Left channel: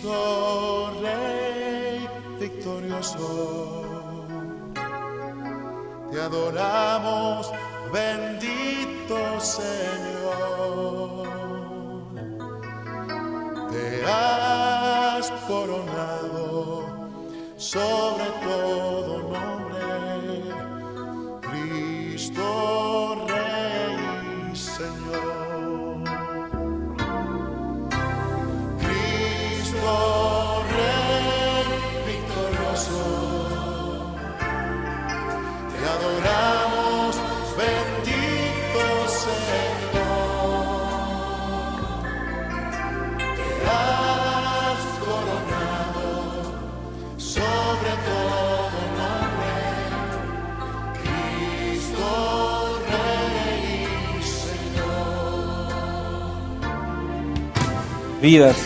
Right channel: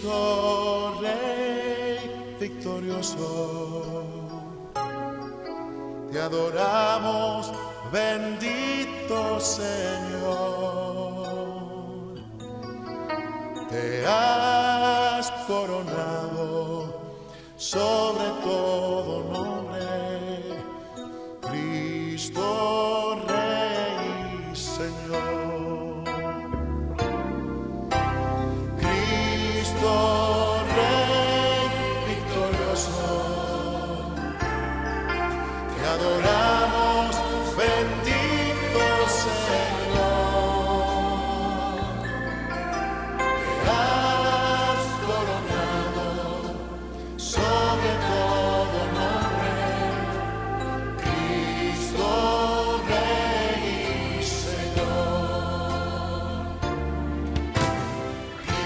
Cristo Rey victorioso, te adoramos, bendito Señor. Te has coronado sobre todo nombre, Cristo Rey y Señor. Cristo Rey victorioso, te adoramos, bendito Señor. Te has coronado sobre todo nombre, Cristo Rey y Señor. Vidas,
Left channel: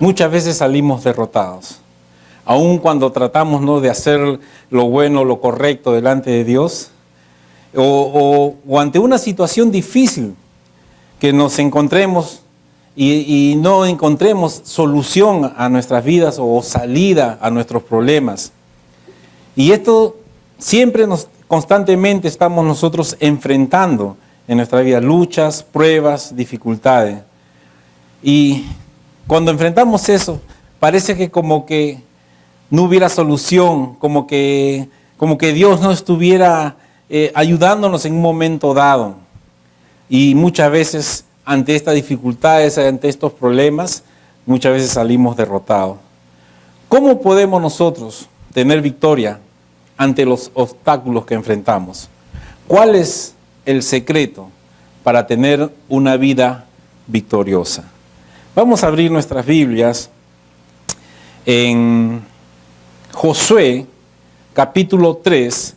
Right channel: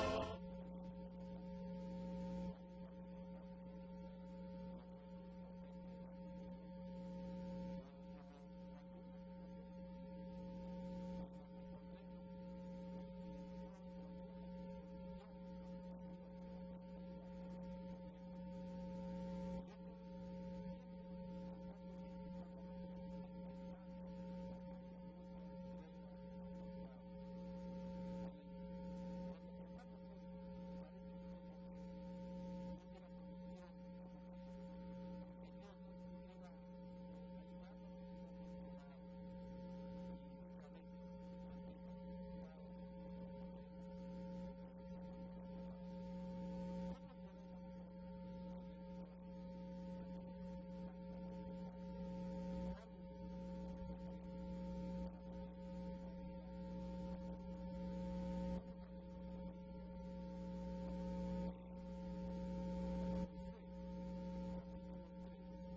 muchas veces salimos derrotados. Aun cuando tratamos, ¿no?, de hacer lo bueno, lo correcto delante de Dios, o ante una situación difícil que nos encontremos y no encontremos solución a nuestras vidas o salida a nuestros problemas. Y esto siempre constantemente estamos nosotros enfrentando en nuestra vida luchas, pruebas, dificultades. Y cuando enfrentamos eso, parece que como que no hubiera solución, como que Dios no estuviera ayudándonos en un momento dado. Y muchas veces ante estas dificultades, ante estos problemas, muchas veces salimos derrotados. ¿Cómo podemos nosotros tener victoria ante los obstáculos que enfrentamos? ¿Cuál es el secreto para tener una vida victoriosa? Vamos a abrir nuestras Biblias en Josué, capítulo 3,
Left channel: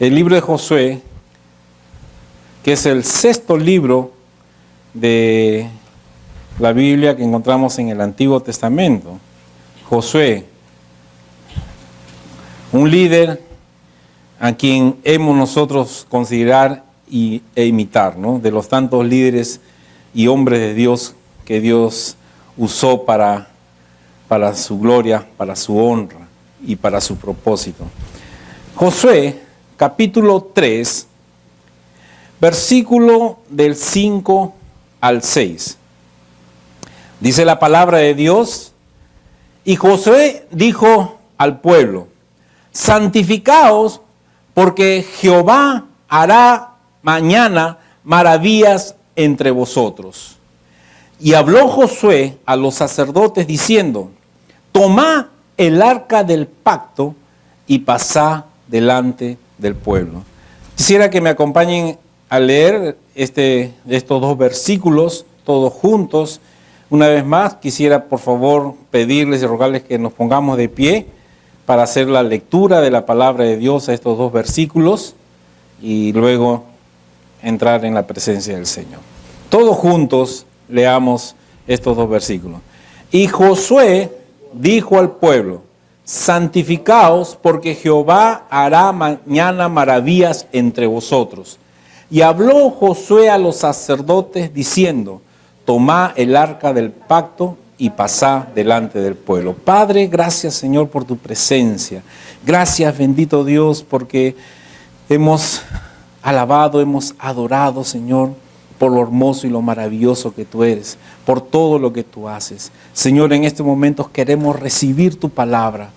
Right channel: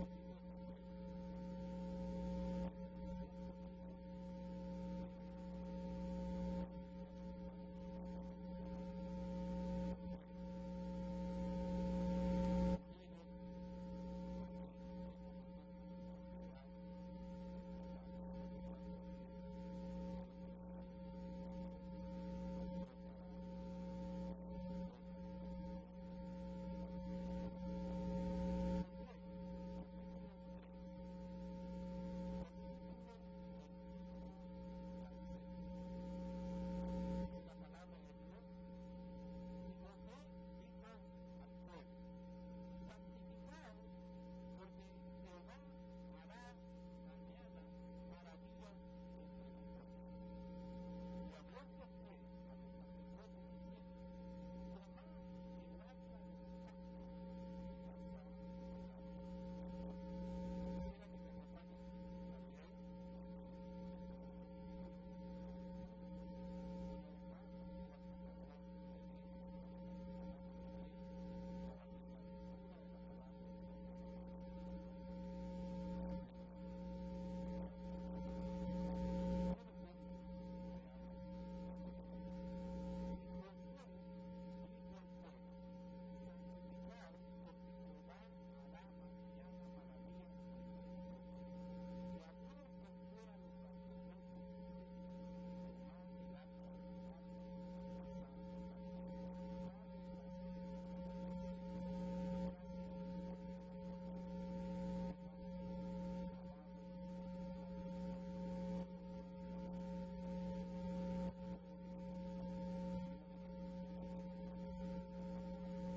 el libro de Josué, que es el sexto libro de la Biblia que encontramos en el Antiguo Testamento. Josué, un líder a quien hemos nosotros considerar e imitar, ¿no?, de los tantos líderes y hombres de Dios que Dios usó para su gloria, para su honra y para su propósito. Josué, capítulo 3, versículo del 5 al 6. Dice la palabra de Dios: y Josué dijo al pueblo: santificaos, porque Jehová hará mañana maravillas entre vosotros. Y habló Josué a los sacerdotes diciendo: tomad el arca del pacto y pasad delante del pueblo. Quisiera que me acompañen a leer estos dos versículos todos juntos. Una vez más, quisiera por favor pedirles y rogarles que nos pongamos de pie para hacer la lectura de la palabra de Dios a estos dos versículos y luego entrar en la presencia del Señor. Todos juntos leamos estos dos versículos. Y Josué dijo al pueblo: santificaos, porque Jehová hará mañana maravillas entre vosotros. Y habló Josué a los sacerdotes diciendo: tomad el arca del pacto y pasad delante del pueblo. Padre, gracias, Señor, por tu presencia. Gracias, bendito Dios, porque hemos alabado, hemos adorado, Señor, por lo hermoso y lo maravilloso que tú eres, por todo lo que tú haces. Señor, en estos momentos queremos recibir tu palabra,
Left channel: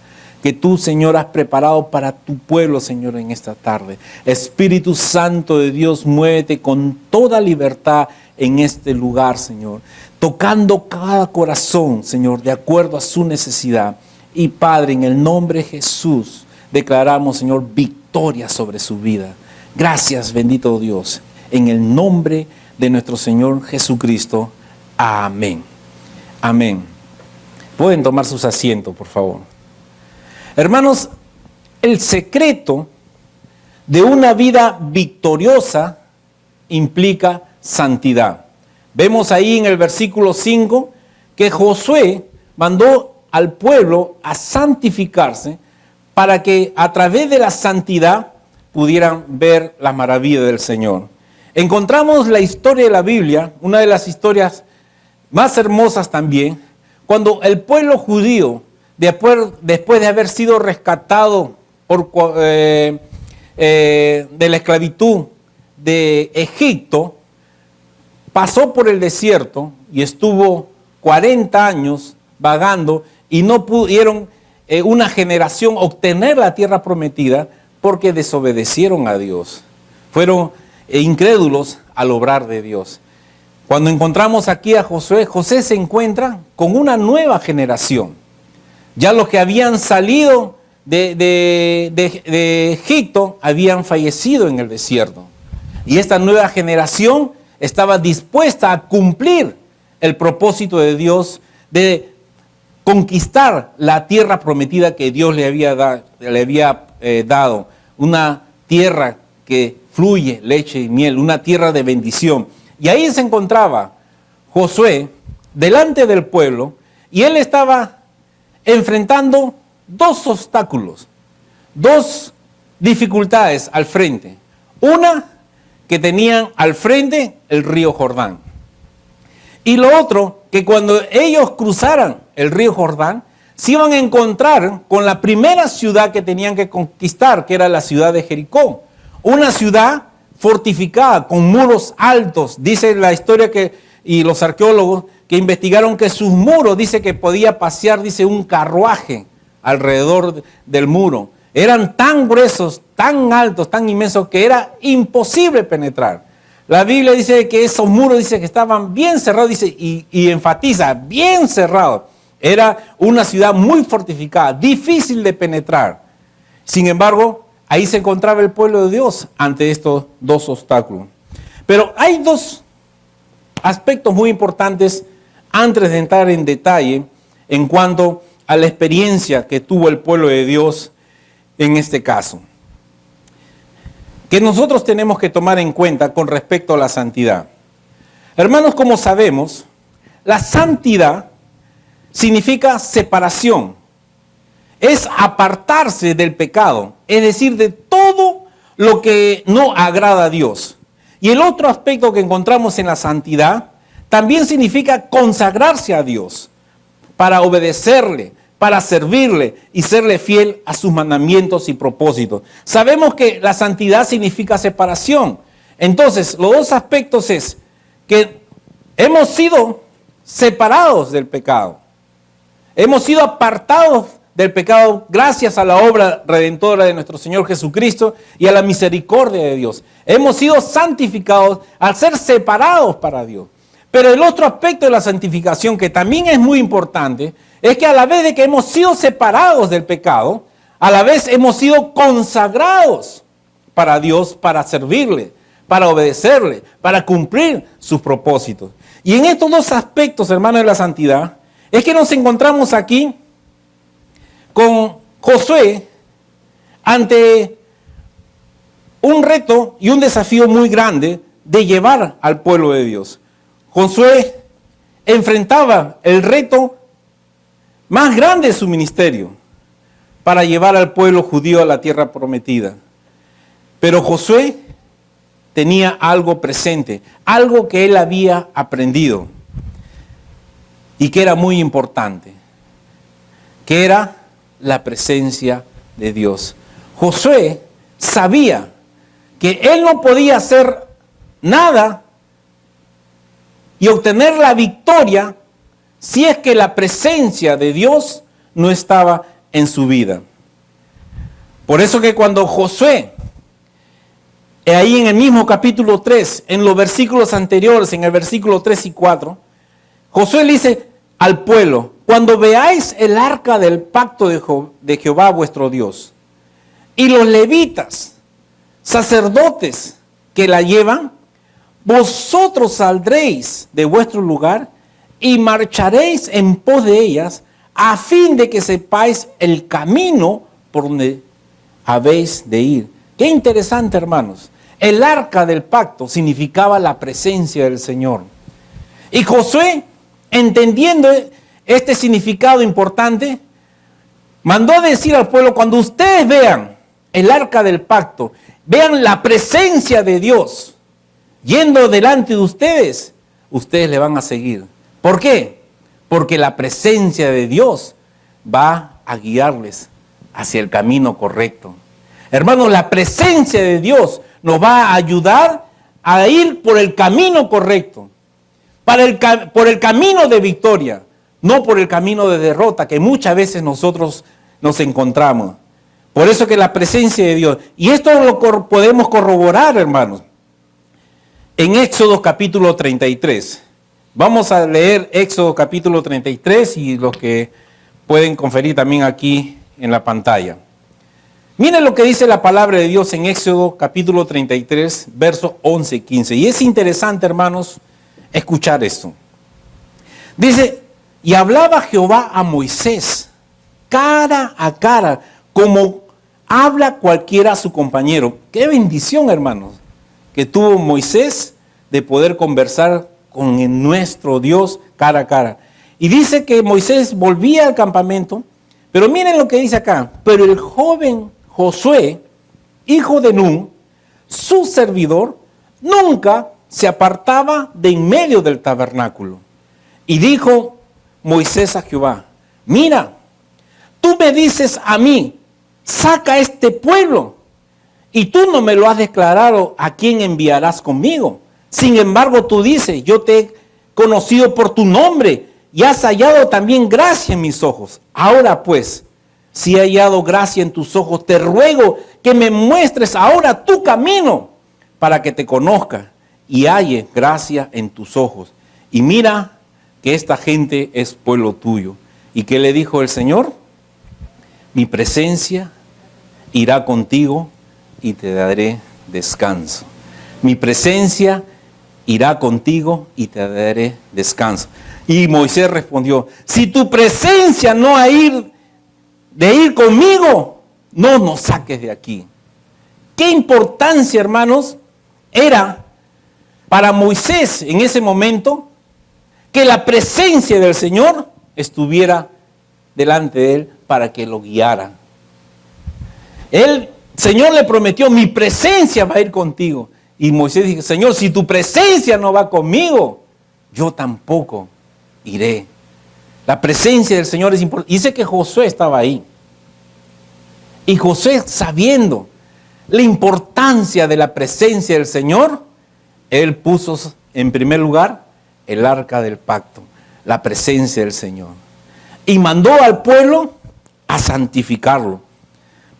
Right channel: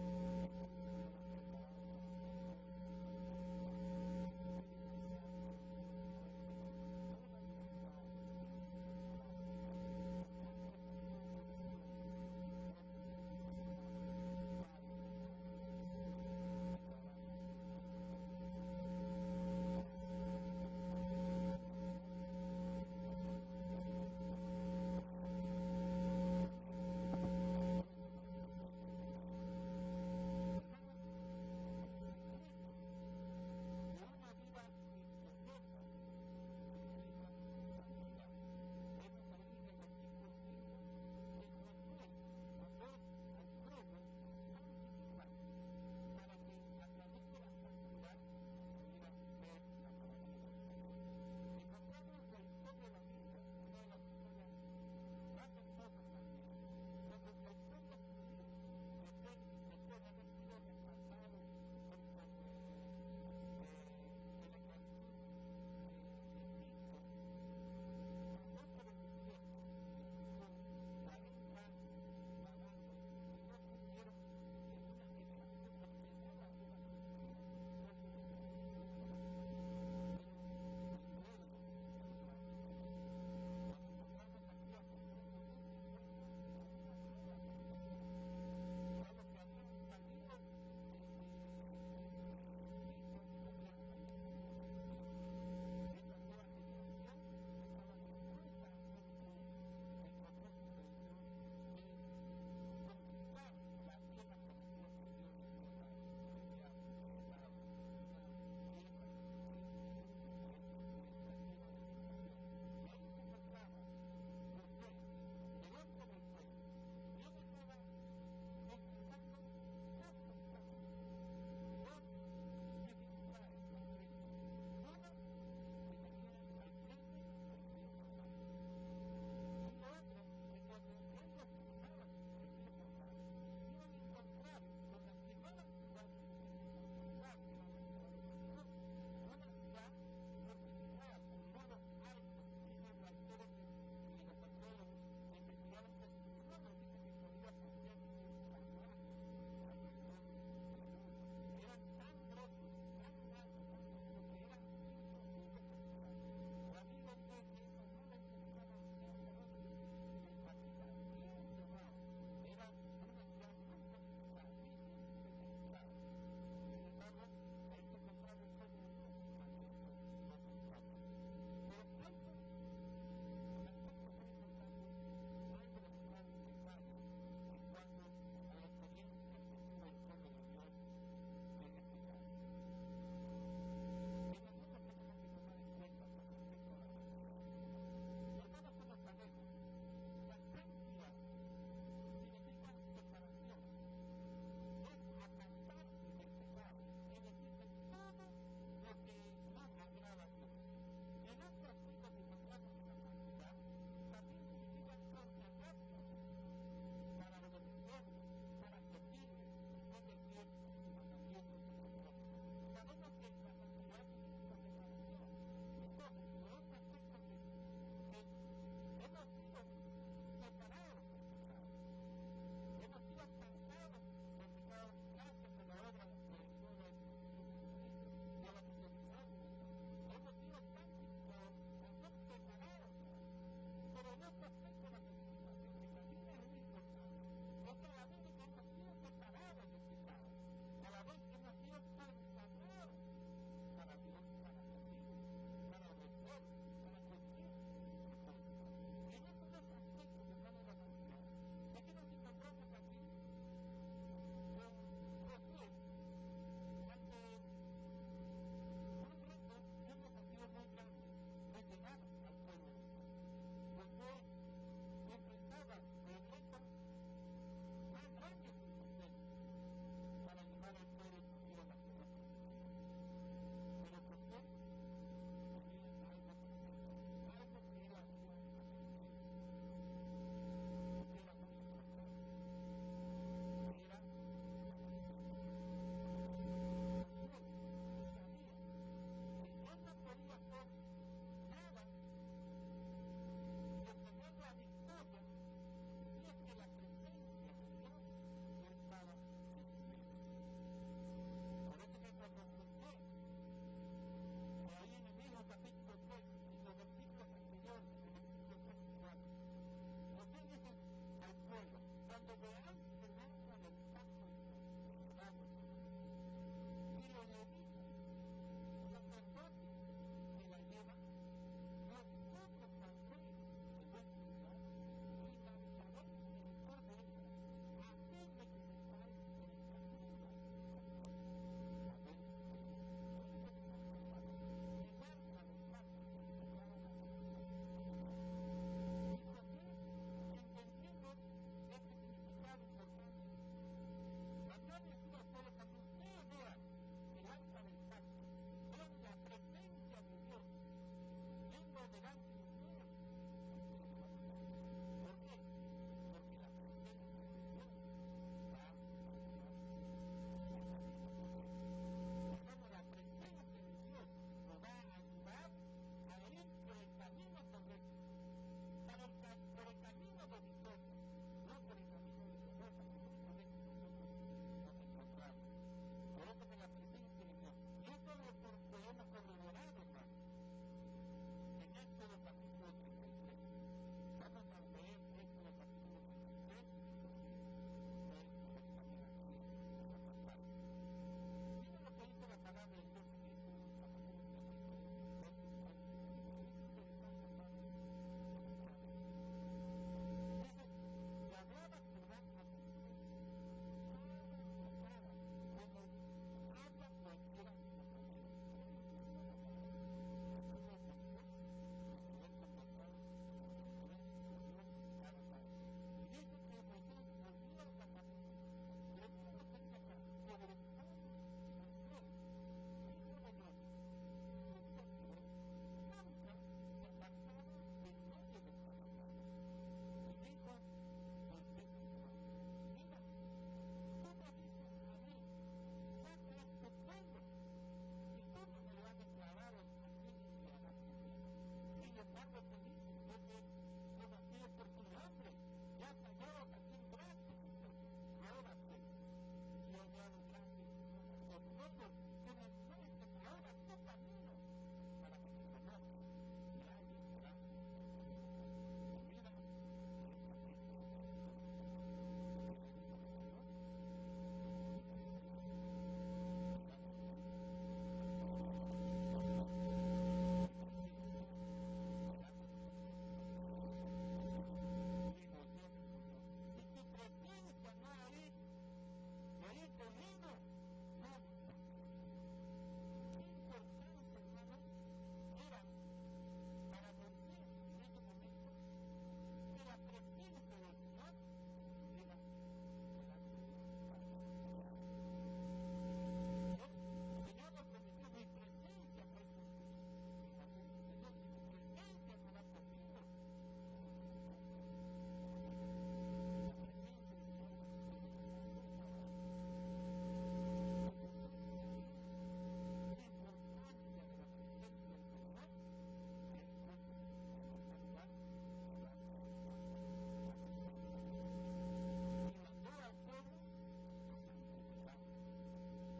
que tú, Señor, has preparado para tu pueblo, Señor, en esta tarde. Espíritu Santo de Dios, muévete con toda libertad en este lugar, Señor, tocando cada corazón, Señor, de acuerdo a su necesidad. Y Padre, en el nombre de Jesús, declaramos, Señor, victoria sobre su vida. Gracias, bendito Dios, en el nombre de nuestro Señor Jesucristo. Amén. Amén. Pueden tomar sus asientos, por favor. Hermanos, el secreto de una vida victoriosa implica santidad. Vemos ahí en el versículo 5 que Josué mandó al pueblo a santificarse para que a través de la santidad pudieran ver las maravillas del Señor. Encontramos la historia de la Biblia, una de las historias más hermosas también, cuando el pueblo judío, después de haber sido rescatado de la esclavitud de Egipto, pasó por el desierto y estuvo 40 años vagando y no pudieron una generación obtener la tierra prometida porque desobedecieron a Dios. Fueron incrédulos al obrar de Dios. Cuando encontramos aquí a Josué, José se encuentra con una nueva generación. Ya los que habían salido de Egipto habían fallecido en el desierto. Y esta nueva generación estaba dispuesta a cumplir el propósito de Dios de conquistar la tierra prometida que Dios le había dado. Una tierra que fluye leche y miel, una tierra de bendición. Y ahí se encontraba Josué delante del pueblo y él estaba enfrentando dos obstáculos, dos dificultades al frente. Una, que tenían al frente el río Jordán. Y lo otro, que cuando ellos cruzaran el río Jordán, se iban a encontrar con la primera ciudad que tenían que conquistar, que era la ciudad de Jericó. Una ciudad fortificada, con muros altos. Dice la historia y los arqueólogos que investigaron que sus muros, dice que podía pasear, dice, un carruaje alrededor del muro. Eran tan gruesos, tan altos, tan inmensos, que era imposible penetrar. La Biblia dice que esos muros, dice que estaban bien cerrados, dice, y enfatiza, bien cerrados. Era una ciudad muy fortificada, difícil de penetrar. Sin embargo, ahí se encontraba el pueblo de Dios ante estos dos obstáculos. Pero hay dos aspectos muy importantes antes de entrar en detalle en cuanto a la experiencia que tuvo el pueblo de Dios en este caso, que nosotros tenemos que tomar en cuenta con respecto a la santidad. Hermanos, como sabemos, la santidad significa separación. Es apartarse del pecado, es decir, de todo lo que no agrada a Dios. Y el otro aspecto que encontramos en la santidad también significa consagrarse a Dios para obedecerle, para servirle y serle fiel a sus mandamientos y propósitos. Sabemos que la santidad significa separación. Entonces, los dos aspectos es que hemos sido separados del pecado. Hemos sido apartados del pecado gracias a la obra redentora de nuestro Señor Jesucristo y a la misericordia de Dios. Hemos sido santificados al ser separados para Dios. Pero el otro aspecto de la santificación, que también es muy importante, es que a la vez de que hemos sido separados del pecado, a la vez hemos sido consagrados para Dios, para servirle, para obedecerle, para cumplir sus propósitos. Y en estos dos aspectos, hermanos, de la santidad, es que nos encontramos aquí con Josué ante un reto y un desafío muy grande de llevar al pueblo de Dios. Josué enfrentaba el reto más grande de su ministerio para llevar al pueblo judío a la tierra prometida. Pero Josué tenía algo presente, algo que él había aprendido y que era muy importante, que era la presencia de Dios. Josué sabía que él no podía hacer nada y obtener la victoria si es que la presencia de Dios no estaba en su vida. Por eso que cuando Josué, ahí en el mismo capítulo 3, en los versículos anteriores, en el versículo 3 y 4, Josué le dice al pueblo: cuando veáis el arca del pacto de Jehová vuestro Dios, y los levitas, sacerdotes que la llevan, vosotros saldréis de vuestro lugar y marcharéis en pos de ellas, a fin de que sepáis el camino por donde habéis de ir. Qué interesante, hermanos. El arca del pacto significaba la presencia del Señor. Y Josué, entendiendo este significado importante, mandó a decir al pueblo: cuando ustedes vean el arca del pacto, vean la presencia de Dios yendo delante de ustedes, ustedes le van a seguir, ¿Por qué? Porque la presencia de Dios va a guiarles hacia el camino correcto. Hermanos, la presencia de Dios nos va a ayudar a ir por el camino correcto, por el camino de victoria, no por el camino de derrota que muchas veces nosotros nos encontramos. Por eso que la presencia de Dios, y esto lo podemos corroborar, hermanos, en Éxodo capítulo 33. Vamos a leer Éxodo capítulo 33 y los que pueden conferir también aquí en la pantalla. Miren lo que dice la palabra de Dios en Éxodo capítulo 33, versos 11 y 15. Y es interesante, hermanos, escuchar esto. Dice, y hablaba Jehová a Moisés cara a cara, como habla cualquiera a su compañero. Qué bendición, hermanos, que tuvo Moisés de poder conversar con nuestro Dios cara a cara. Y dice que Moisés volvía al campamento, pero miren lo que dice acá. Pero el joven Josué, hijo de Nun, su servidor, nunca se apartaba de en medio del tabernáculo. Y dijo Moisés a Jehová, mira, tú me dices a mí, saca este pueblo, y tú no me lo has declarado a quién enviarás conmigo. Sin embargo, tú dices, yo te he conocido por tu nombre y has hallado también gracia en mis ojos. Ahora pues, si he hallado gracia en tus ojos, te ruego que me muestres ahora tu camino para que te conozca y halle gracia en tus ojos. Y mira que esta gente es pueblo tuyo. ¿Y qué le dijo el Señor? Mi presencia irá contigo y te daré descanso. Mi presencia irá contigo y te daré descanso. Y Moisés respondió, si tu presencia no ha de ir conmigo, no nos saques de aquí. ¿Qué importancia, hermanos, era para Moisés en ese momento que la presencia del Señor estuviera delante de él para que lo guiara? El Señor le prometió, mi presencia va a ir contigo. Y Moisés dijo, Señor, si tu presencia no va conmigo, yo tampoco iré. La presencia del Señor es importante. Dice que Josué estaba ahí. Y Josué, sabiendo la importancia de la presencia del Señor, él puso en primer lugar el arca del pacto, la presencia del Señor. Y mandó al pueblo a santificarlo.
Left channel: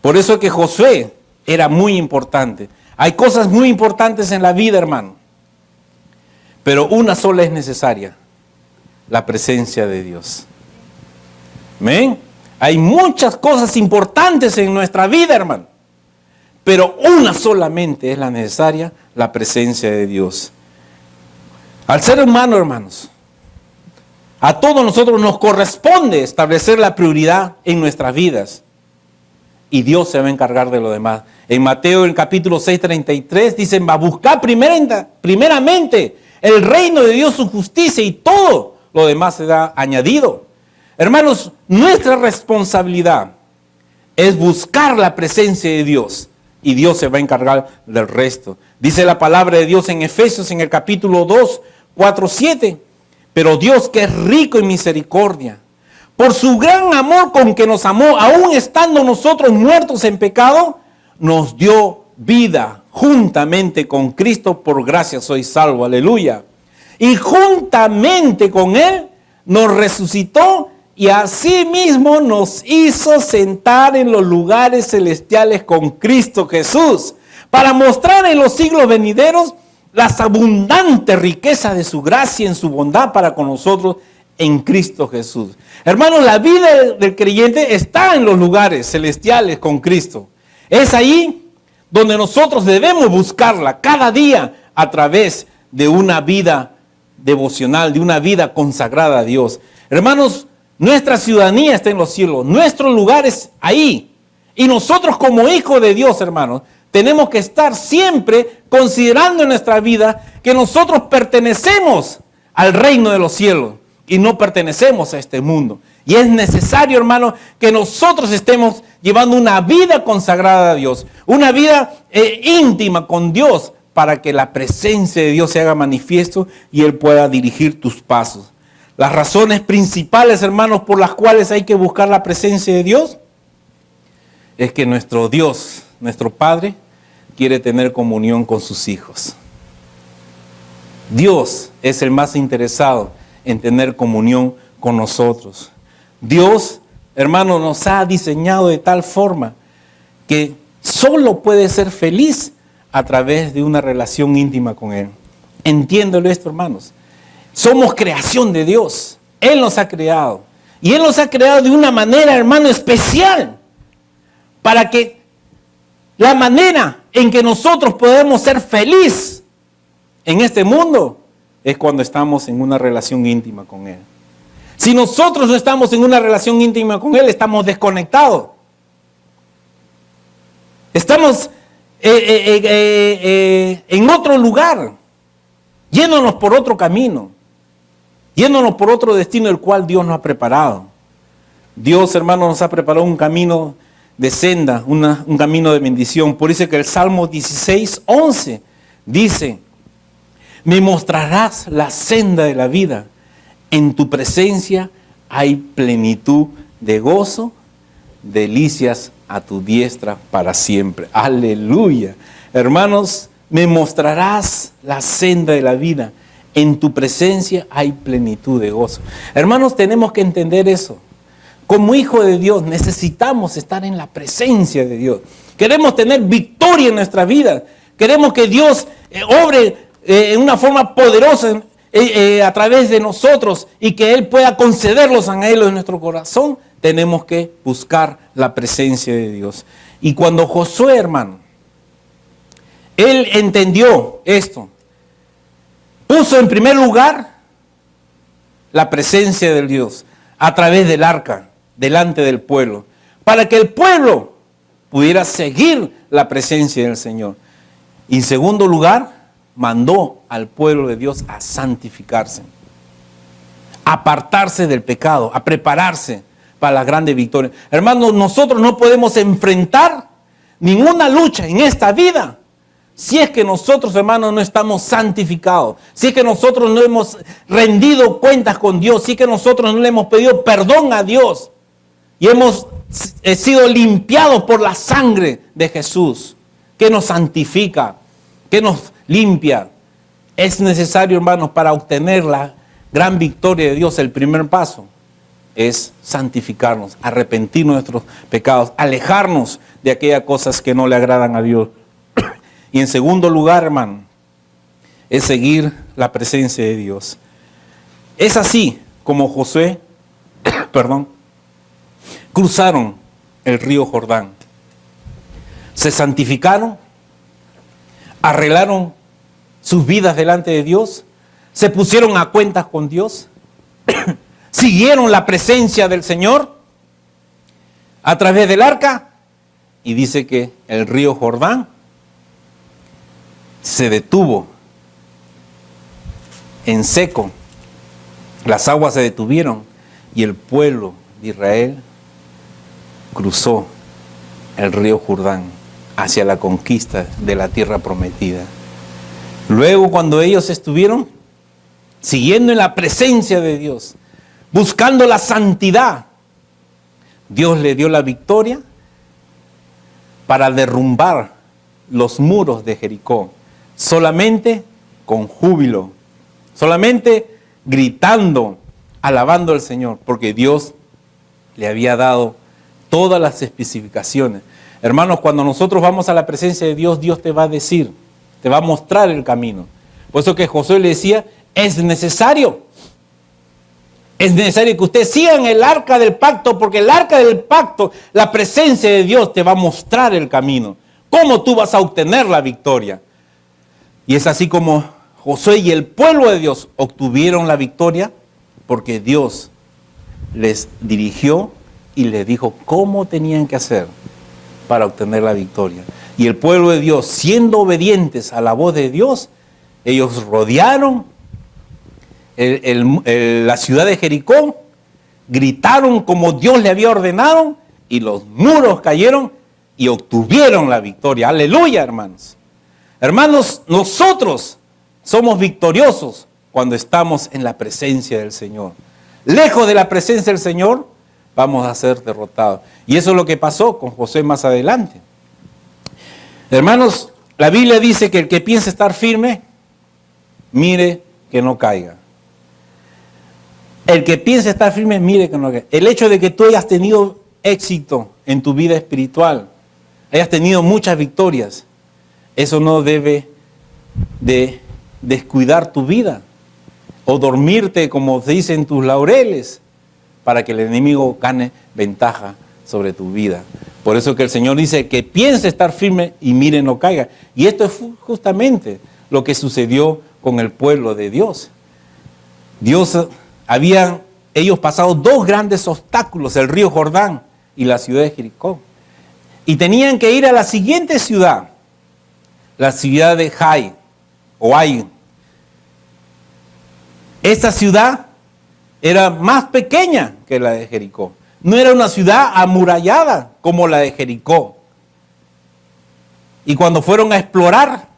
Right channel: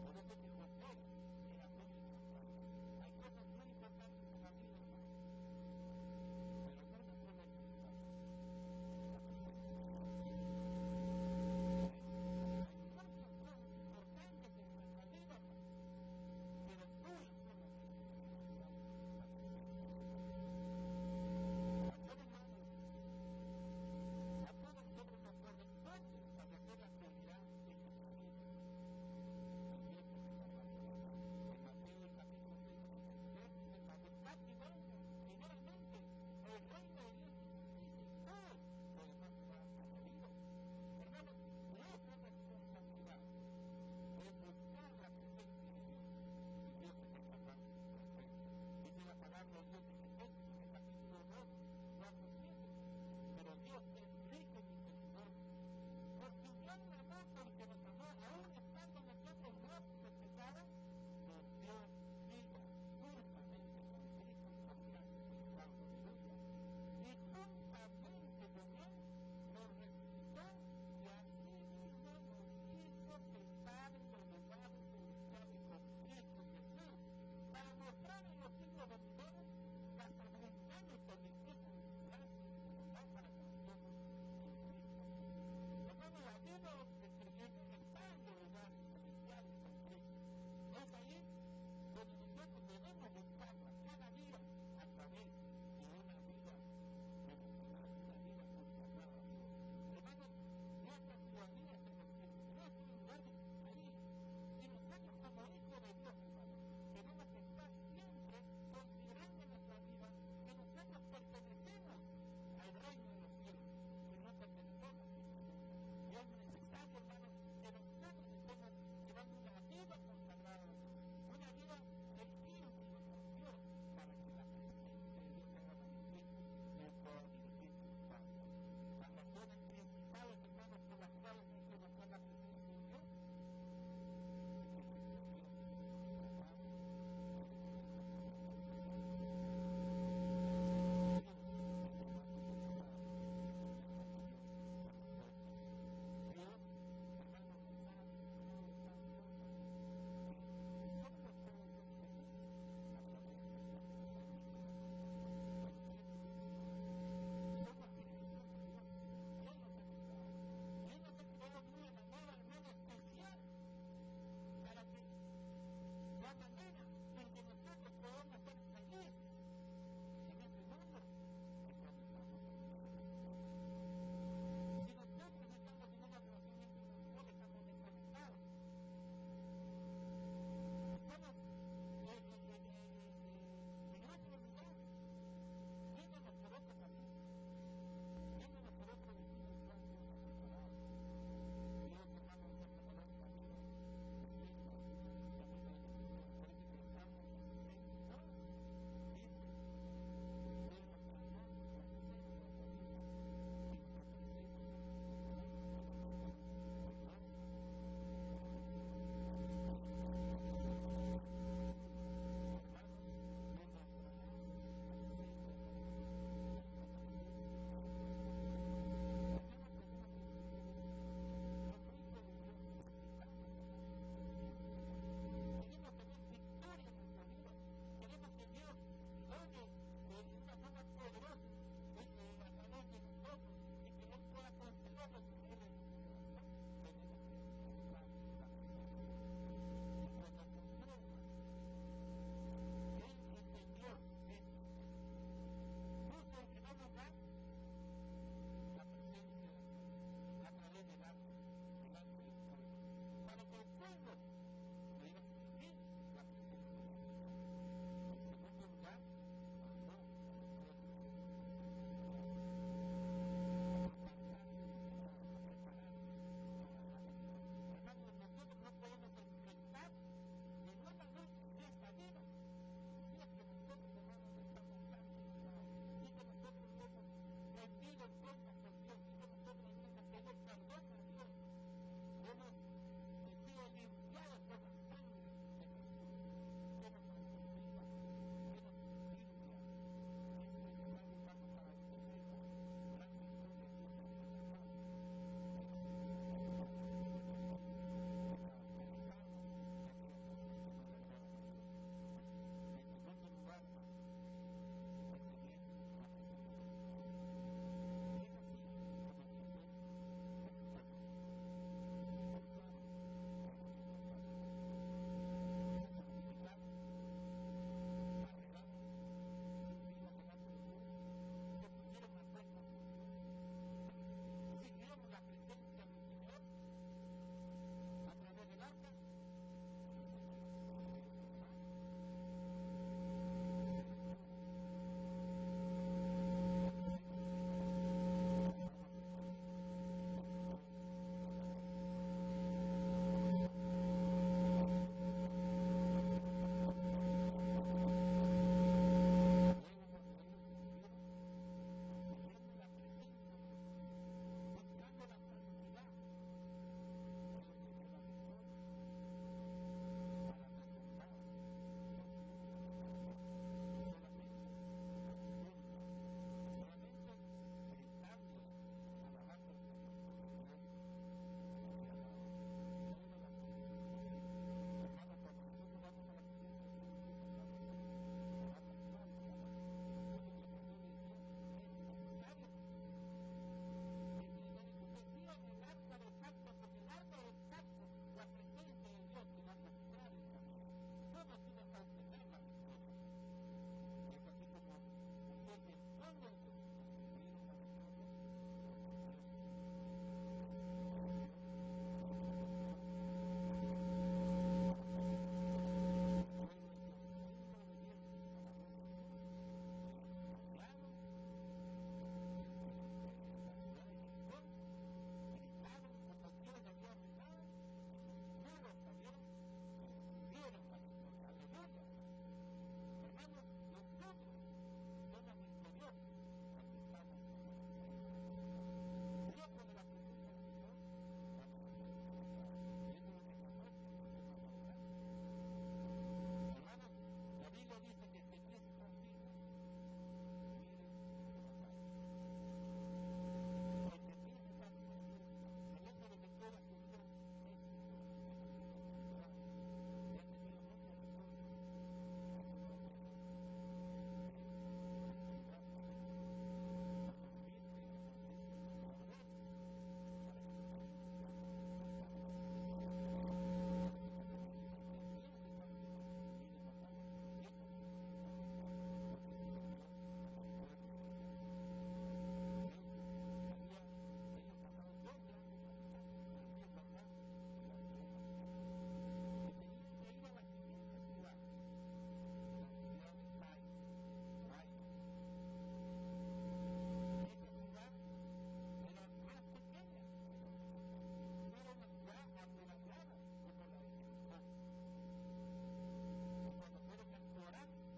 Por eso es que Josué era muy importante. Hay cosas muy importantes en la vida, hermano. Pero una sola es necesaria, la presencia de Dios. ¿Amén? Hay muchas cosas importantes en nuestra vida, hermano. Pero una solamente es la necesaria, la presencia de Dios. Al ser humano, hermanos, a todos nosotros nos corresponde establecer la prioridad en nuestras vidas. Y Dios se va a encargar de lo demás. En Mateo, el capítulo 6:33, dicen, va a buscar primeramente el reino de Dios, su justicia, y todo lo demás será añadido. Hermanos, nuestra responsabilidad es buscar la presencia de Dios y Dios se va a encargar del resto. Dice la palabra de Dios en Efesios, en el capítulo 2, 4, 7. Pero Dios, que es rico en misericordia, por su gran amor con que nos amó, aún estando nosotros muertos en pecado, nos dio vida juntamente con Cristo, por gracia soy salvo, aleluya. Y juntamente con Él nos resucitó y asimismo nos hizo sentar en los lugares celestiales con Cristo Jesús, para mostrar en los siglos venideros las abundantes riquezas de su gracia en su bondad para con nosotros en Cristo Jesús. Hermanos, la vida del creyente está en los lugares celestiales con Cristo. Es ahí donde nosotros debemos buscarla cada día a través de una vida devocional, de una vida consagrada a Dios. Hermanos, nuestra ciudadanía está en los cielos, nuestro lugar es ahí. Y nosotros como hijos de Dios, hermanos, tenemos que estar siempre considerando en nuestra vida que nosotros pertenecemos al reino de los cielos y no pertenecemos a este mundo. Y es necesario, hermano, que nosotros estemos llevando una vida consagrada a Dios, una vida íntima con Dios, para que la presencia de Dios se haga manifiesto y Él pueda dirigir tus pasos. las razones principales, hermanos, por las cuales hay que buscar la presencia de Dios, es que nuestro Dios, nuestro Padre, quiere tener comunión con sus hijos. Dios es el más interesado en tener comunión con nosotros. Dios, hermano, nos ha diseñado de tal forma que solo puede ser feliz a través de una relación íntima con Él. Entiéndelo esto, hermanos. Somos creación de Dios. Él nos ha creado. Y Él nos ha creado de una manera, hermano, especial. Para que la manera en que nosotros podemos ser felices en este mundo es cuando estamos en una relación íntima con Él. Si nosotros no estamos en una relación íntima con Él, estamos desconectados. Estamos en otro lugar, yéndonos por otro camino, yéndonos por otro destino el cual Dios nos ha preparado. Dios, hermano, nos ha preparado un camino de senda, un camino de bendición. Por eso que el Salmo 16:11 dice: me mostrarás la senda de la vida, en tu presencia hay plenitud de gozo, delicias a tu diestra para siempre. Aleluya. Hermanos, me mostrarás la senda de la vida, en tu presencia hay plenitud de gozo. Hermanos, tenemos que entender eso. Como hijo de Dios necesitamos estar en la presencia de Dios. Queremos tener victoria en nuestra vida. Queremos que Dios obre en una forma poderosa a través de nosotros y que Él pueda conceder los anhelos de nuestro corazón. Tenemos que buscar la presencia de Dios. Y cuando Josué, hermano, él entendió esto, puso en primer lugar la presencia de Dios a través del arca, delante del pueblo, para que el pueblo pudiera seguir la presencia del Señor. Y en segundo lugar, mandó al pueblo de Dios a santificarse, a apartarse del pecado, a prepararse para la grande victoria. Hermanos, nosotros no podemos enfrentar ninguna lucha en esta vida si es que nosotros, hermanos, no estamos santificados, si es que nosotros no hemos rendido cuentas con Dios, si es que nosotros no le hemos pedido perdón a Dios y hemos sido limpiados por la sangre de Jesús, que nos santifica, que nos limpia. Es necesario, hermanos, para obtener la gran victoria de Dios, el primer paso es santificarnos, arrepentir nuestros pecados, alejarnos de aquellas cosas que no le agradan a Dios. Y en segundo lugar, hermano, es seguir la presencia de Dios. Es así como Josué, cruzaron el río Jordán, se santificaron, arreglaron sus vidas delante de Dios, se pusieron a cuentas con Dios, siguieron la presencia del Señor a través del arca, y dice que el río Jordán se detuvo en seco, las aguas se detuvieron y el pueblo de Israel cruzó el río Jordán hacia la conquista de la tierra prometida. Luego, cuando ellos estuvieron siguiendo en la presencia de Dios, buscando la santidad, Dios le dio la victoria para derrumbar los muros de Jericó, solamente con júbilo, solamente gritando, alabando al Señor, porque Dios le había dado todas las especificaciones. Hermanos, cuando nosotros vamos a la presencia de Dios, Dios te va a decir, te va a mostrar el camino. Por eso que Josué le decía, es necesario que ustedes sigan el arca del pacto, porque el arca del pacto, la presencia de Dios te va a mostrar el camino. ¿Cómo tú vas a obtener la victoria? Y es así como Josué y el pueblo de Dios obtuvieron la victoria, porque Dios les dirigió y les dijo cómo tenían que hacer para obtener la victoria. Y el pueblo de Dios, siendo obedientes a la voz de Dios, ellos rodearon la ciudad de Jericó, gritaron como Dios le había ordenado, y los muros cayeron y obtuvieron la victoria. Aleluya, hermanos. Hermanos, nosotros somos victoriosos cuando estamos en la presencia del Señor. Lejos de la presencia del Señor, vamos a ser derrotados. Y eso es lo que pasó con Josué más adelante. Hermanos, la Biblia dice que el que piensa estar firme, mire que no caiga. El que piensa estar firme, mire que no caiga. El hecho de que tú hayas tenido éxito en tu vida espiritual, hayas tenido muchas victorias, eso no debe de descuidar tu vida o dormirte, como se dice, en tus laureles, para que el enemigo gane ventaja sobre tu vida. Por eso que el Señor dice que piense estar firme y mire no caiga. Y esto es justamente lo que sucedió con el pueblo de Dios. Habían ellos pasado dos grandes obstáculos, el río Jordán y la ciudad de Jericó. Y tenían que ir a la siguiente ciudad, la ciudad de Ai. Esta ciudad era más pequeña que la de Jericó. No era una ciudad amurallada como la de Jericó. Y cuando fueron a explorar,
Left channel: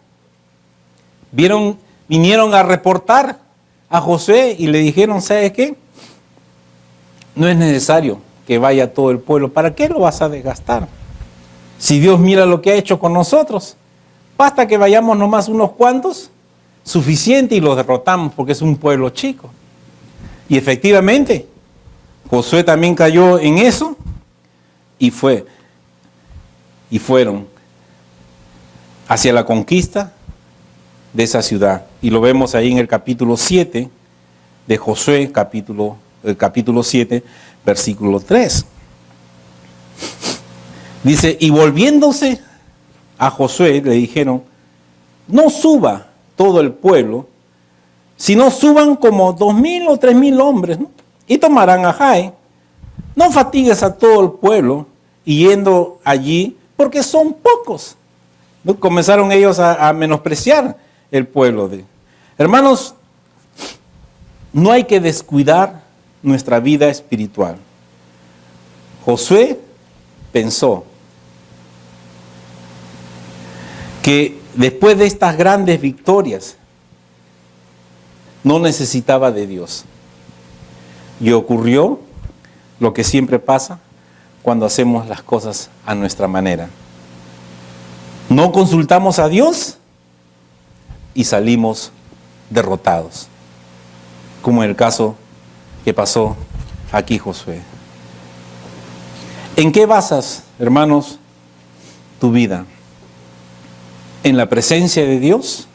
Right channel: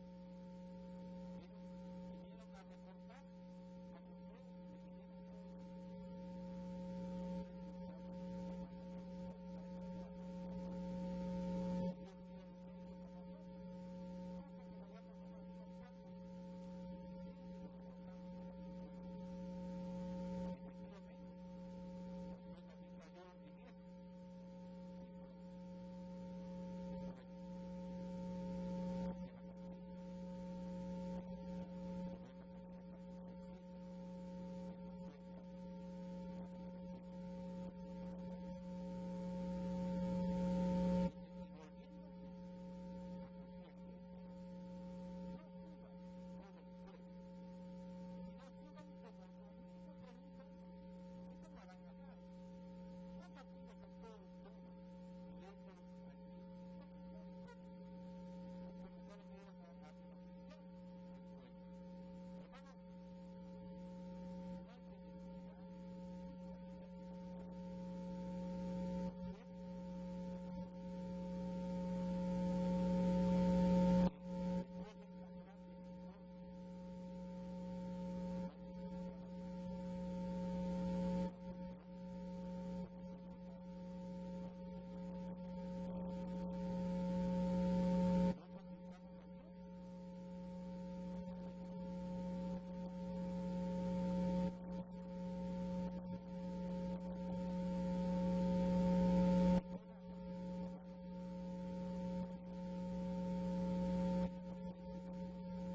vinieron a reportar a Josué y le dijeron, ¿sabes qué? No es necesario que vaya todo el pueblo. ¿Para qué lo vas a desgastar? Si Dios mira lo que ha hecho con nosotros, basta que vayamos nomás unos cuantos, suficiente, y los derrotamos porque es un pueblo chico. Y efectivamente, Josué también cayó en eso y fueron hacia la conquista de esa ciudad. Y lo vemos ahí en el capítulo 7 de Josué, el capítulo 7, versículo 3. Dice, y volviéndose a Josué, le dijeron, no suba todo el pueblo, sino suban como 2,000 o 3,000 hombres, ¿no? Y tomarán a Ai. No fatigues a todo el pueblo yendo allí, porque son pocos. ¿No? Comenzaron ellos a menospreciar el pueblo. Hermanos, no hay que descuidar nuestra vida espiritual. Josué pensó que después de estas grandes victorias no necesitaba de Dios. Y ocurrió lo que siempre pasa cuando hacemos las cosas a nuestra manera. No consultamos a Dios y salimos derrotados, como en el caso que pasó aquí Josué. ¿En qué basas, hermanos, tu vida? ¿En la presencia de Dios?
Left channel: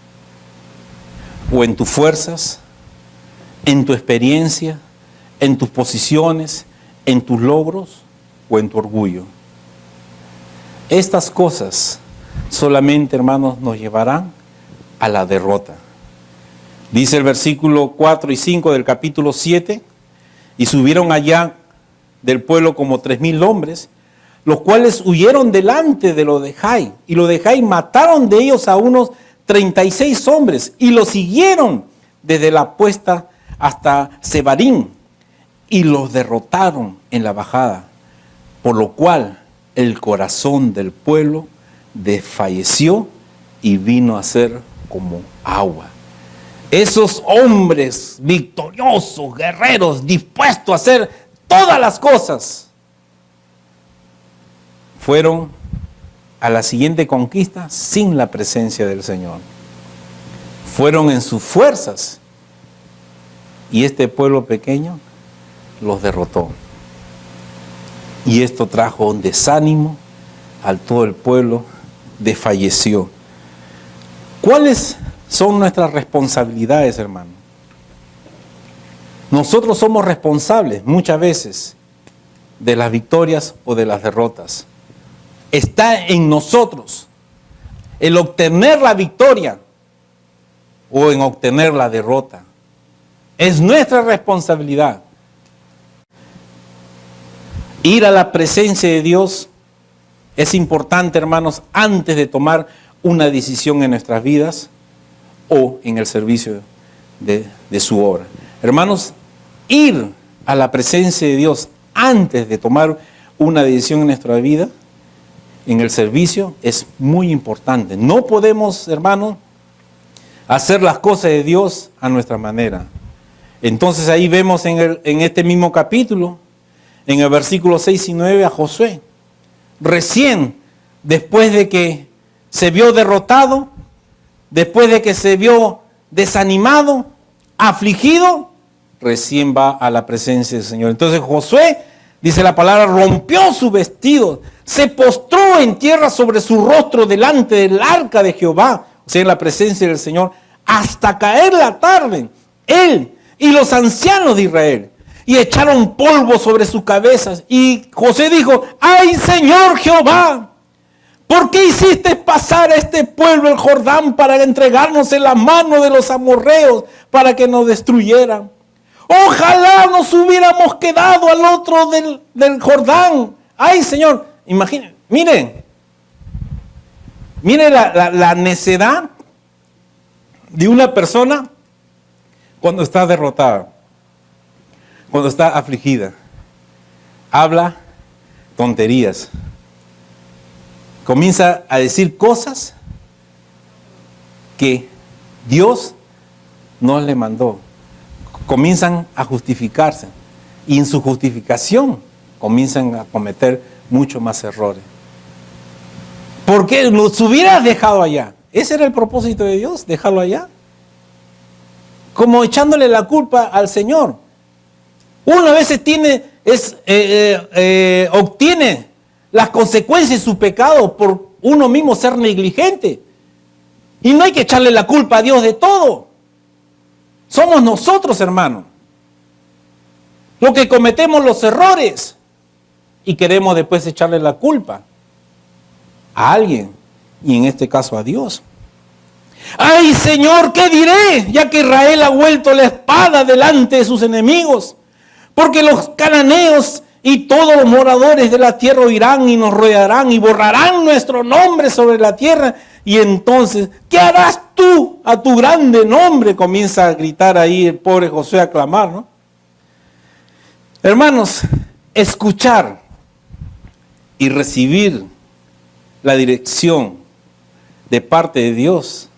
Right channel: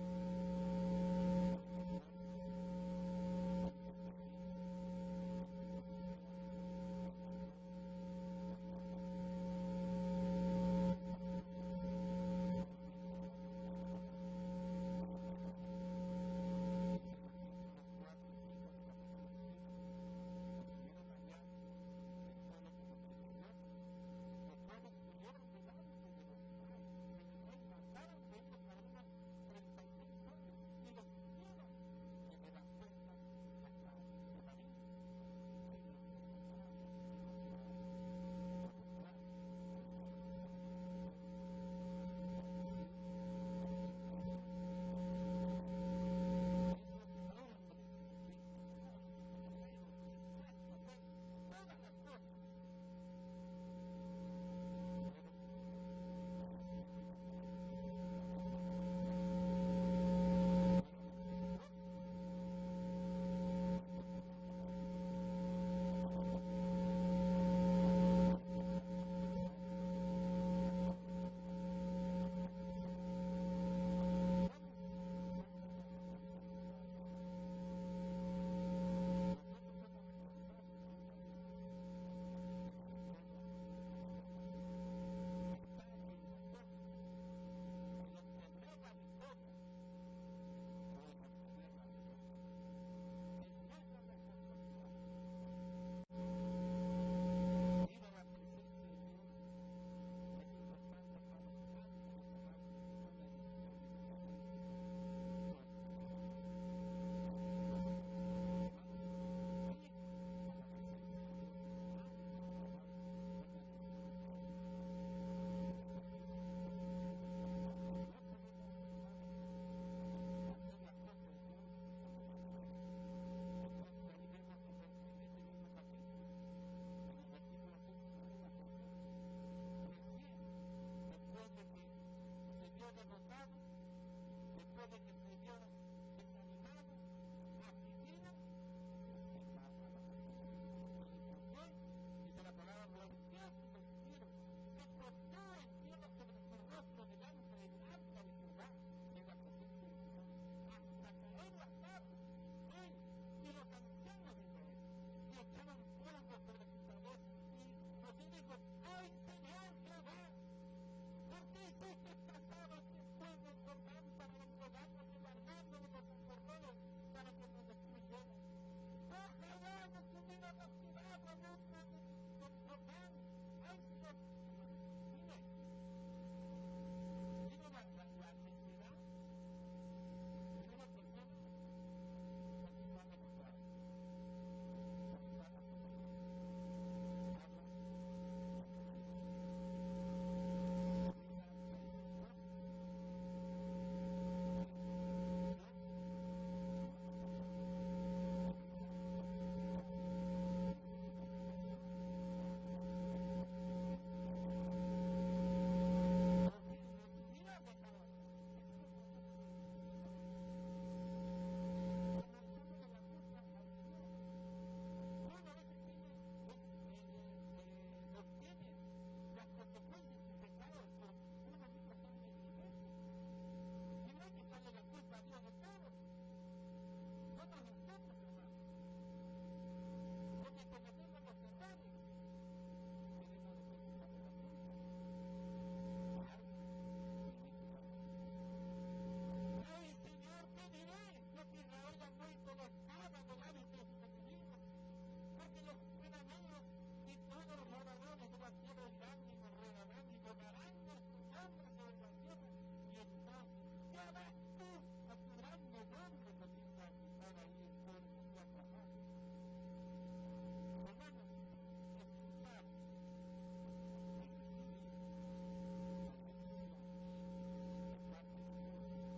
¿O en tus fuerzas? ¿En tu experiencia? ¿En tus posiciones? ¿En tus logros? ¿O en tu orgullo? Estas cosas solamente, hermanos, nos llevarán a la derrota. Dice el versículo 4 y 5 del capítulo 7, y subieron allá del pueblo como 3,000 hombres, los cuales huyeron delante de los de Ai, y los de Ai mataron de ellos a unos 36 hombres, y los siguieron desde la puesta hasta Sebarim, y los derrotaron en la bajada, por lo cual el corazón del pueblo desfalleció y vino a ser como agua. Esos hombres victoriosos, guerreros, dispuestos a hacer todas las cosas, fueron a la siguiente conquista sin la presencia del Señor. Fueron en sus fuerzas y este pueblo pequeño los derrotó. Y esto trajo un desánimo a todo el pueblo, desfalleció. ¿Cuáles son nuestras responsabilidades, hermano? Nosotros somos responsables muchas veces de las victorias o de las derrotas. Está en nosotros el obtener la victoria o en obtener la derrota. Es nuestra responsabilidad. Ir a la presencia de Dios es importante, hermanos, antes de tomar una decisión en nuestras vidas o en el servicio de su obra. Hermanos, ir a la presencia de Dios antes de tomar una decisión en nuestra vida, en el servicio, es muy importante. No podemos, hermanos, hacer las cosas de Dios a nuestra manera. Entonces ahí vemos en este mismo capítulo, en el versículo 6 y 9, a Josué. Recién, después de que se vio derrotado, después de que se vio desanimado, afligido, recién va a la presencia del Señor. Entonces Josué, dice la palabra, rompió su vestido, se postró en tierra sobre su rostro delante del arca de Jehová, o sea, en la presencia del Señor, hasta caer la tarde, él y los ancianos de Israel, y echaron polvo sobre sus cabezas. Y José dijo: ¡ay, Señor Jehová! ¿Por qué hiciste pasar a este pueblo el Jordán para entregarnos en la mano de los amorreos para que nos destruyeran? Ojalá nos hubiéramos quedado al otro del Jordán. ¡Ay, Señor! Imaginen, miren la necedad de una persona cuando está derrotada, cuando está afligida. Habla tonterías. Comienza a decir cosas que Dios no le mandó. Comienzan a justificarse. Y en su justificación comienzan a cometer muchos más errores. ¿Por qué los hubieras dejado allá? Ese era el propósito de Dios, dejarlo allá. Como echándole la culpa al Señor. Uno a veces obtiene las consecuencias de su pecado por uno mismo ser negligente. Y no hay que echarle la culpa a Dios de todo. Somos nosotros, hermanos, los que cometemos los errores y queremos después echarle la culpa a alguien, y en este caso a Dios. ¡Ay, Señor, qué diré! Ya que Israel ha vuelto la espada delante de sus enemigos, porque los cananeos y todos los moradores de la tierra oirán y nos rodearán y borrarán nuestro nombre sobre la tierra. Y entonces, ¿qué harás tú a tu grande nombre? Comienza a gritar ahí el pobre Josué, a clamar, ¿no? Hermanos, escuchar y recibir la dirección de parte de Dios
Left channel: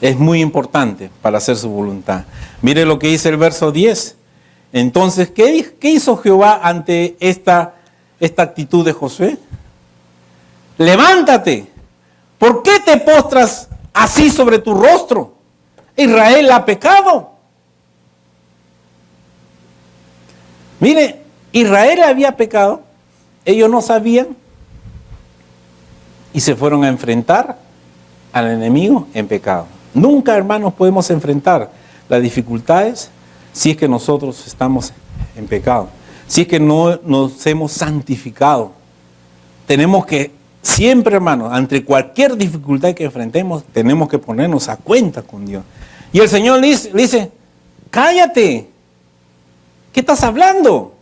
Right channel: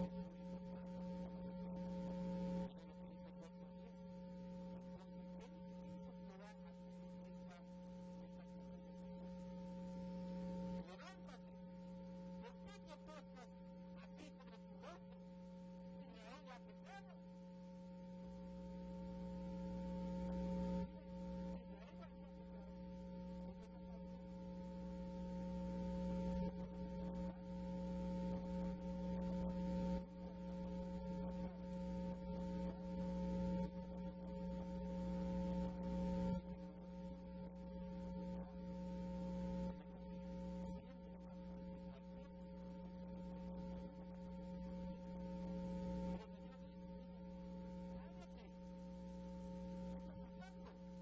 es muy importante para hacer su voluntad. Mire lo que dice el verso 10. Entonces, ¿qué hizo Jehová ante esta actitud de Josué? Levántate. ¿Por qué te postras así sobre tu rostro? Israel ha pecado. Mire, Israel había pecado. Ellos no sabían. Y se fueron a enfrentar al enemigo en pecado. Nunca, hermanos, podemos enfrentar las dificultades si es que nosotros estamos en pecado. Si es que no nos hemos santificado. Tenemos que siempre, hermanos, ante cualquier dificultad que enfrentemos, tenemos que ponernos a cuenta con Dios. Y el Señor le dice: cállate. ¿Qué estás hablando?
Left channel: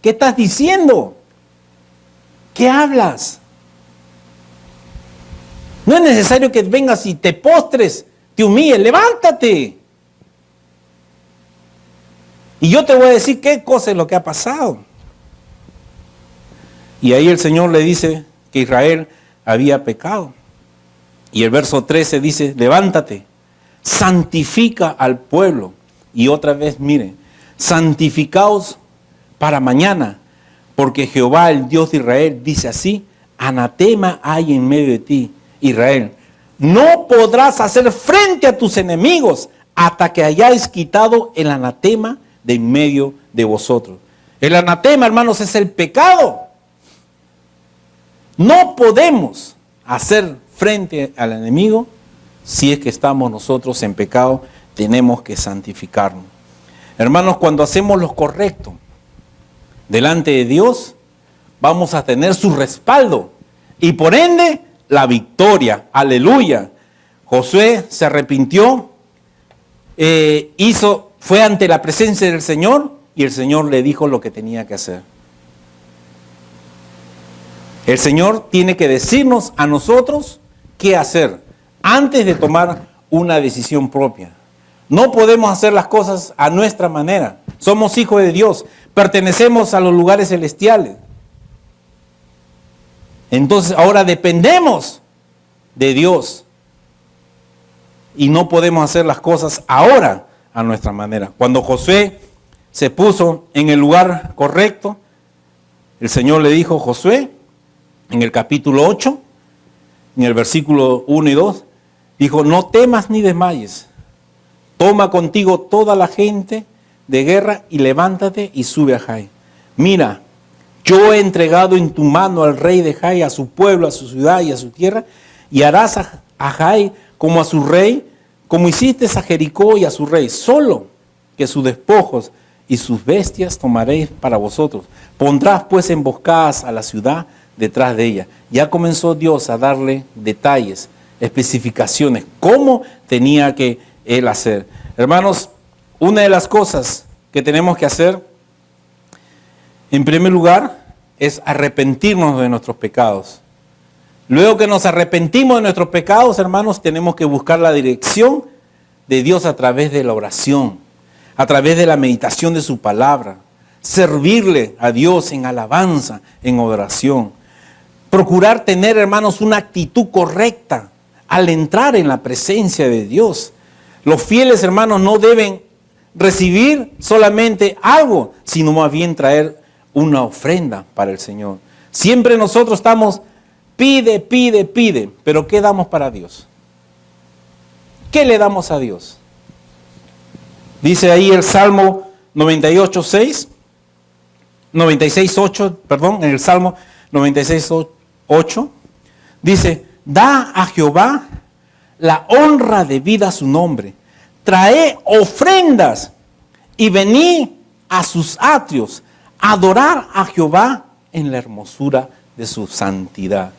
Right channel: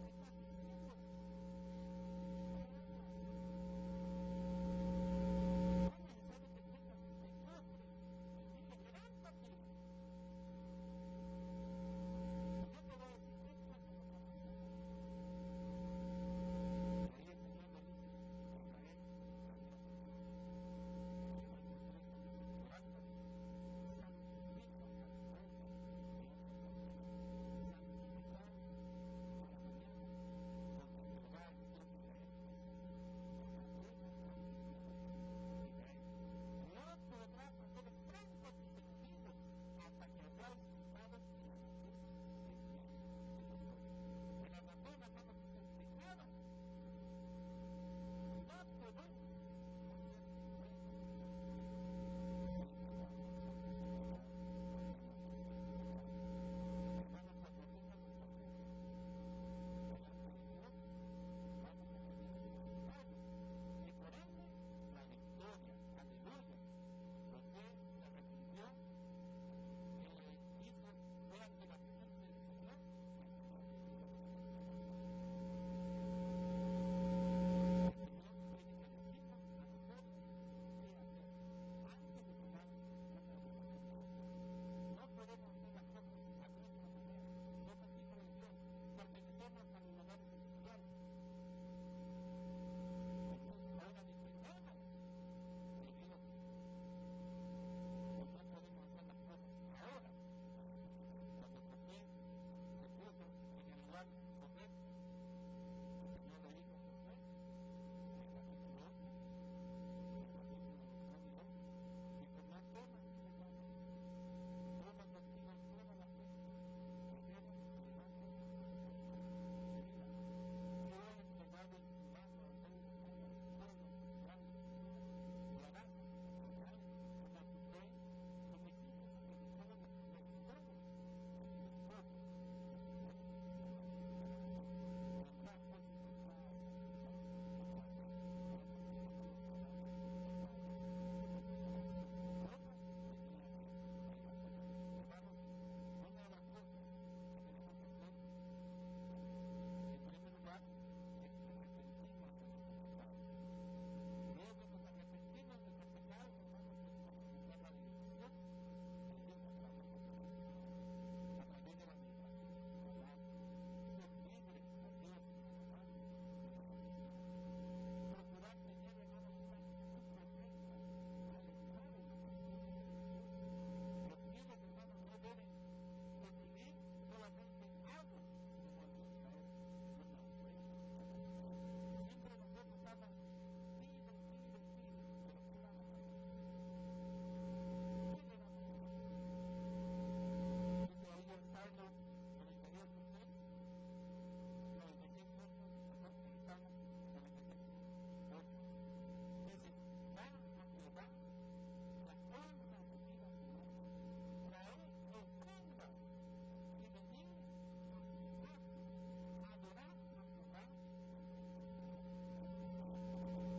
¿Qué estás diciendo? ¿Qué hablas? No es necesario que vengas y te postres, te humilles, levántate. Y yo te voy a decir qué cosa es lo que ha pasado. Y ahí el Señor le dice que Israel había pecado. Y el verso 13 dice: levántate, santifica al pueblo. Y otra vez, miren, santificaos para mañana, porque Jehová, el Dios de Israel, dice así: anatema hay en medio de ti, Israel. No podrás hacer frente a tus enemigos hasta que hayáis quitado el anatema de en medio de vosotros. El anatema, hermanos, es el pecado. No podemos hacer frente al enemigo si es que estamos nosotros en pecado. Tenemos que santificarnos. Hermanos, cuando hacemos lo correcto delante de Dios, vamos a tener su respaldo y por ende la victoria. Aleluya. Josué se arrepintió, fue ante la presencia del Señor y el Señor le dijo lo que tenía que hacer. El Señor tiene que decirnos a nosotros qué hacer antes de tomar una decisión propia. No podemos hacer las cosas a nuestra manera. Somos hijos de Dios, pertenecemos a los lugares celestiales. Entonces ahora dependemos de Dios. y no podemos hacer las cosas ahora a nuestra manera. Cuando Josué se puso en el lugar correcto, el Señor le dijo: Josué, en el capítulo 8, en el versículo 1 y 2, dijo: no temas ni desmayes, toma contigo toda la gente de guerra y levántate y sube a Jai. Mira, yo he entregado en tu mano al rey de Jai, a su pueblo, a su ciudad y a su tierra, y harás a Jai como a su rey, como hiciste a Jericó y a su rey, solo que sus despojos y sus bestias tomaréis para vosotros. Pondrás pues emboscadas a la ciudad detrás de ella. Ya comenzó Dios a darle detalles, especificaciones, cómo tenía que él hacer. Hermanos, una de las cosas que tenemos que hacer, en primer lugar, es arrepentirnos de nuestros pecados. Luego que nos arrepentimos de nuestros pecados, hermanos, tenemos que buscar la dirección de Dios a través de la oración, a través de la meditación de su palabra, servirle a Dios en alabanza, en oración. Procurar tener, hermanos, una actitud correcta al entrar en la presencia de Dios. Los fieles, hermanos, no deben recibir solamente algo, sino más bien traer una ofrenda para el Señor. Siempre nosotros estamos pide, pide, pide, pero ¿qué damos para Dios? ¿Qué le damos a Dios? Dice ahí el Salmo 96:8, en el Salmo 96:8, dice: da a Jehová la honra debida a su nombre, trae ofrendas y venid a sus atrios, adorar a Jehová en la hermosura de su santidad.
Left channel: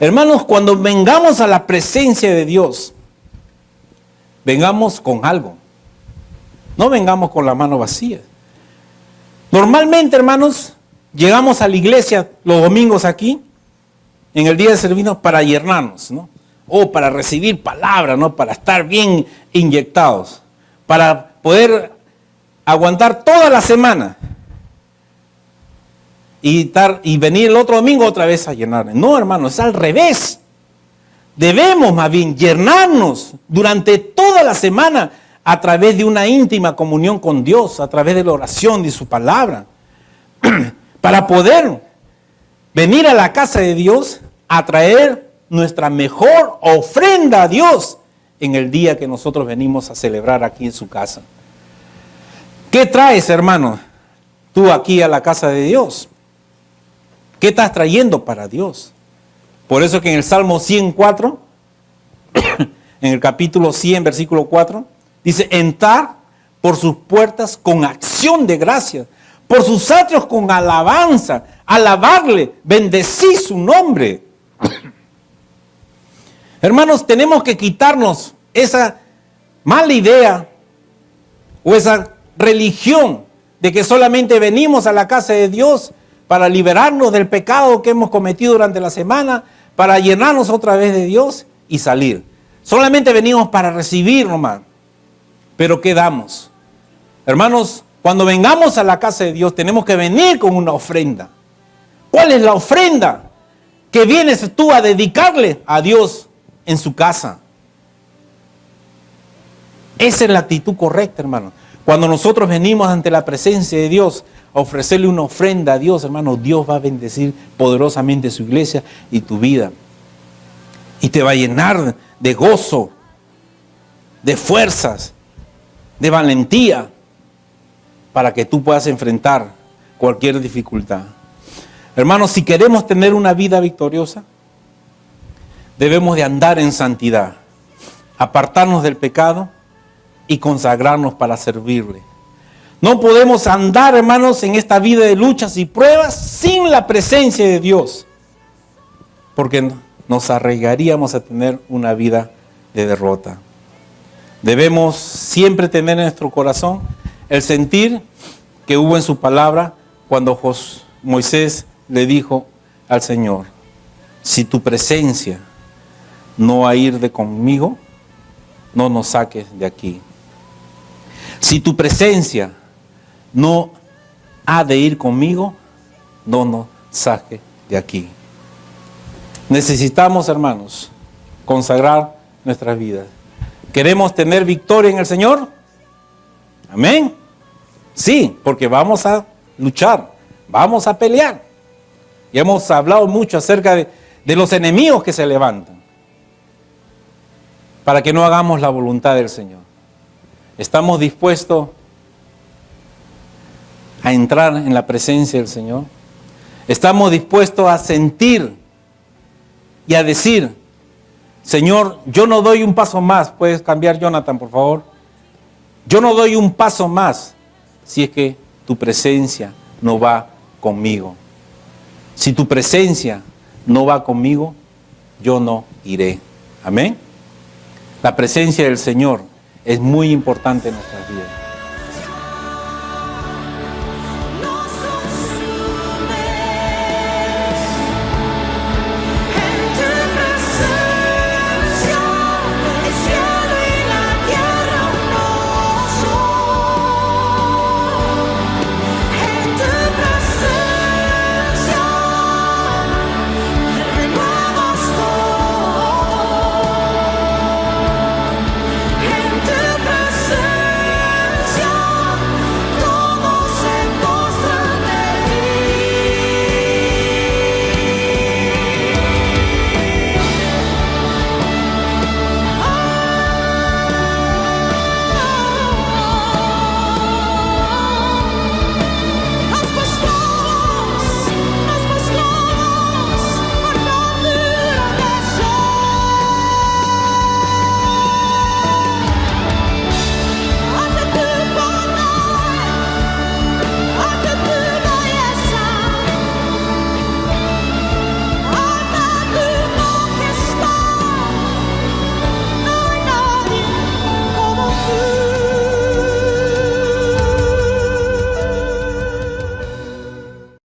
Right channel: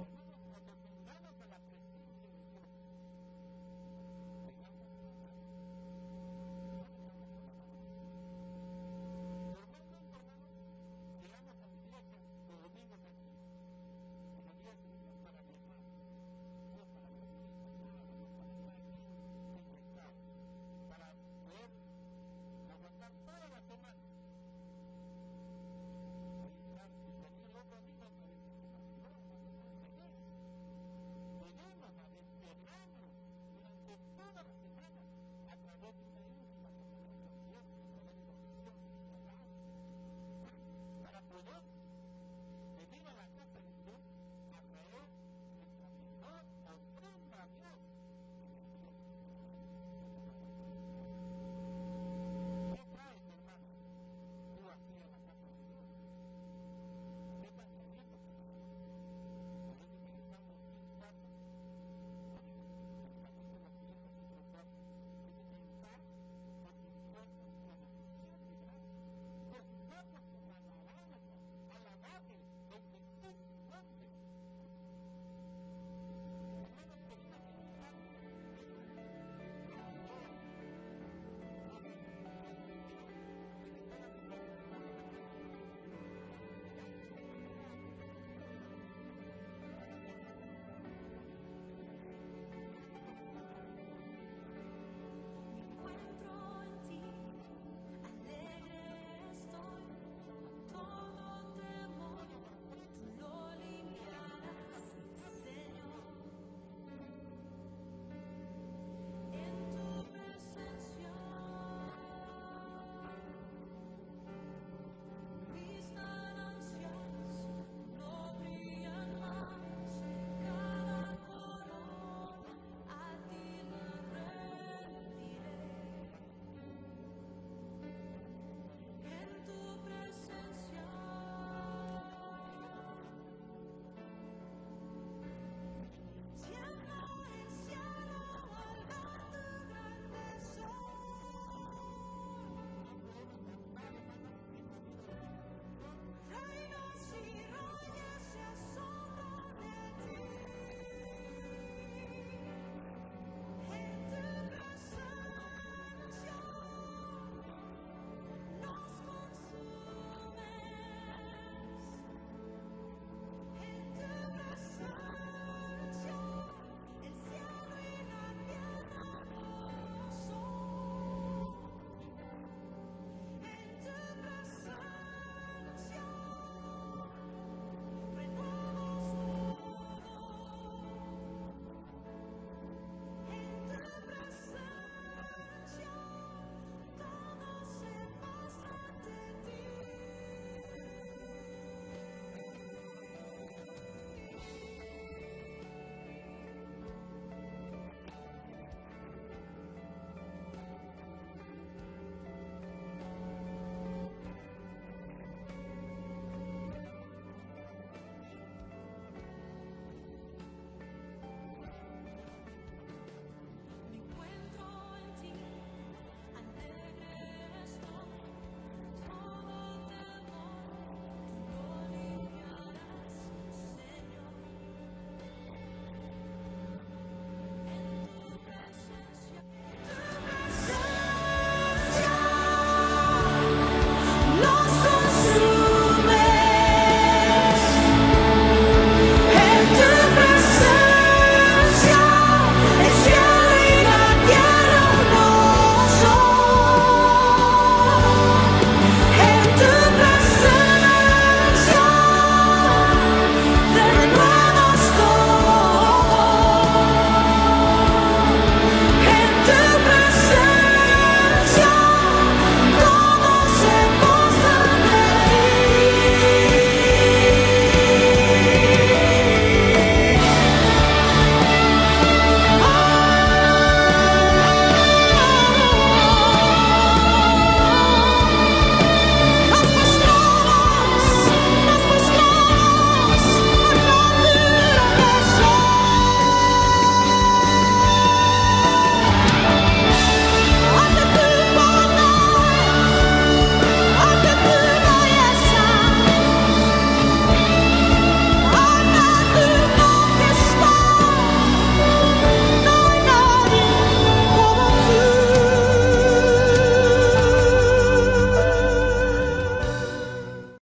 Hermanos, cuando vengamos a la presencia de Dios, vengamos con algo. No vengamos con la mano vacía. Normalmente, hermanos, llegamos a la iglesia los domingos aquí, en el día de servicio, para llenarnos, ¿no? O para recibir palabra, ¿no? Para estar bien inyectados, para poder aguantar toda la semana y venir el otro domingo otra vez a llenar. No, hermanos, es al revés. Debemos más bien llenarnos durante toda la semana a través de una íntima comunión con Dios, a través de la oración de su palabra, para poder venir a la casa de Dios a traer nuestra mejor ofrenda a Dios en el día que nosotros venimos a celebrar aquí en su casa. ¿Qué traes, hermano, tú aquí a la casa de Dios? ¿Qué estás trayendo para Dios? Por eso que en el Salmo 104, en el capítulo 100, versículo 4, dice: entrar por sus puertas con acción de gracias, por sus atrios con alabanza, alabarle, bendecir su nombre. Hermanos, tenemos que quitarnos esa mala idea o esa religión de que solamente venimos a la casa de Dios para liberarnos del pecado que hemos cometido durante la semana, para llenarnos otra vez de Dios y salir. Solamente venimos para recibir nomás. Pero ¿qué damos? Hermanos, cuando vengamos a la casa de Dios tenemos que venir con una ofrenda. ¿Cuál es la ofrenda que vienes tú a dedicarle a Dios en su casa? Esa es la actitud correcta, hermano. Cuando nosotros venimos ante la presencia de Dios a ofrecerle una ofrenda a Dios, hermano, Dios va a bendecir poderosamente su iglesia y tu vida. Y te va a llenar de gozo, de fuerzas, de valentía, para que tú puedas enfrentar cualquier dificultad. Hermanos, si queremos tener una vida victoriosa, debemos de andar en santidad, apartarnos del pecado y consagrarnos para servirle. No podemos andar, hermanos, en esta vida de luchas y pruebas sin la presencia de Dios, porque nos arriesgaríamos a tener una vida de derrota. Debemos siempre tener en nuestro corazón el sentir que hubo en su palabra cuando Moisés le dijo al Señor: si tu presencia no ha ir de conmigo, no nos saques de aquí. Si tu presencia no ha de ir conmigo, no nos saques de aquí. Necesitamos, hermanos, consagrar nuestras vidas. ¿Queremos tener victoria en el Señor? Amén. Sí, porque vamos a luchar, vamos a pelear. Y hemos hablado mucho acerca de los enemigos que se levantan para que no hagamos la voluntad del Señor. ¿Estamos dispuestos a entrar en la presencia del Señor? ¿Estamos dispuestos a sentir y a decir, Señor, yo no doy un paso más? ¿Puedes cambiar, Jonathan, por favor? Yo no doy un paso más si es que tu presencia no va conmigo. Si tu presencia no va conmigo, yo no iré. Amén. La presencia del Señor es muy importante en nuestra vida.